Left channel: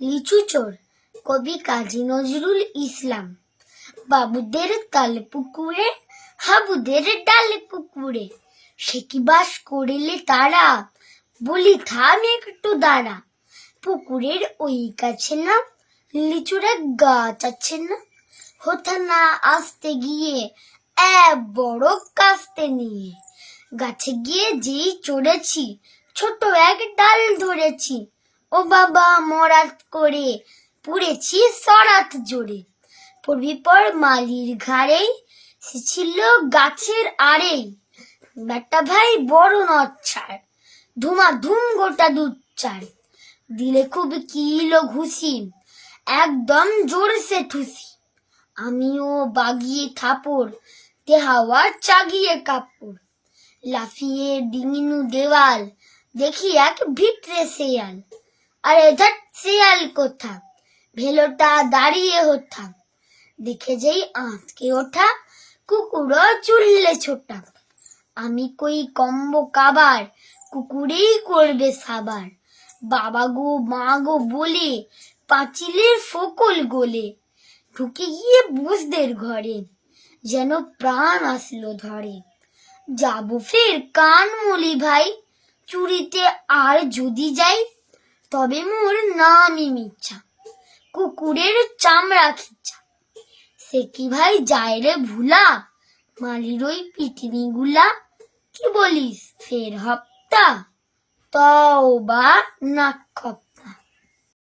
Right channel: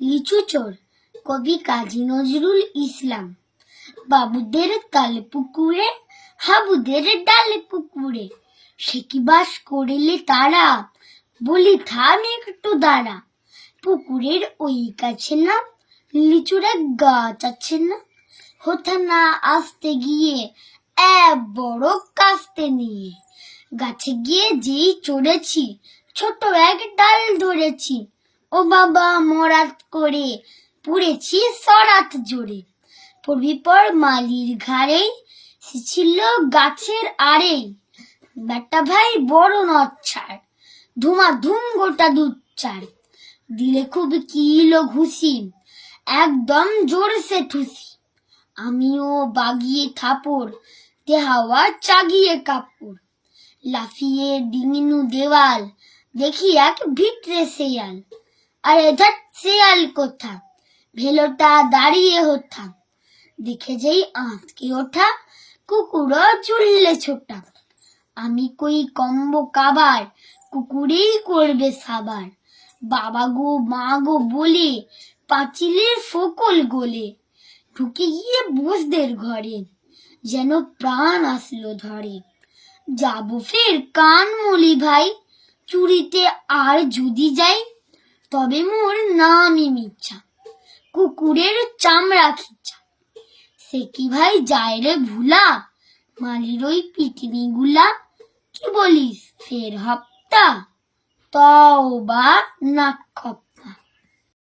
লিচু চোর, কবি কাজী নজরুল ইসলাম। বাবুদের তাল পুকুরে, হাবুদের ডাল পুকুরে, সে কি বাস করিলে তারা? বলি, থাম একটু দাঁড়া। পুকুরের ওই কাছে না, লিচুরে গাছ আছে না? হতা না আসতে গিয়ে, এক বড় কাস্তে নিয়ে। গাছে গিয়ে যেই চড়েছি, ছোট এক ডাল ধরেছি। ও বাবা মরাত করে পুড়েছি সরাত জোরে। পড়বি পর মালির ঘাড়েই ছিল গাছের আড়েই বেটা ভাই বড় নচ্ছার ধুমা ধুম গোটা দুধ চার। দিলে খুব কিলো ঘুষি, একদম জোরসে ঠুসি। আমিও বাগিয়ে থাপড় তে হাওয়া চাগিয়ে কাপড়। লাফিয়ে ডিঙিনু দেওয়াল, দেখি এক ভিটরে শেয়াল। আর এধার শেয়াল কোথা? ভেলোটা দাঁড়িয়ে হোথা দেখে যেই আঁতকে ওঠা, কুকুরও চুললে ছোটা। আমি কই কম্ব কাবার, কুকুরেই করবে সাবার। বাবা গো মা গো বলে, পাঁচিলের ফোকল গোলে। ঢুকে গিয়ে বসদের ঘরে, যেন প্রাণ আসলো ধরে। যাব ফের কান মলি ভাই, চুরিতে আর যদি যাই তবে মোর নামি মিচ্ছা কুকুরের চামড়া খিচ্ছা সে কি ভাই যায় রে ভুলা? মালির ওই পৃথিবী গুলা কি বলিস, ফের হপ্তা? তও বা নাক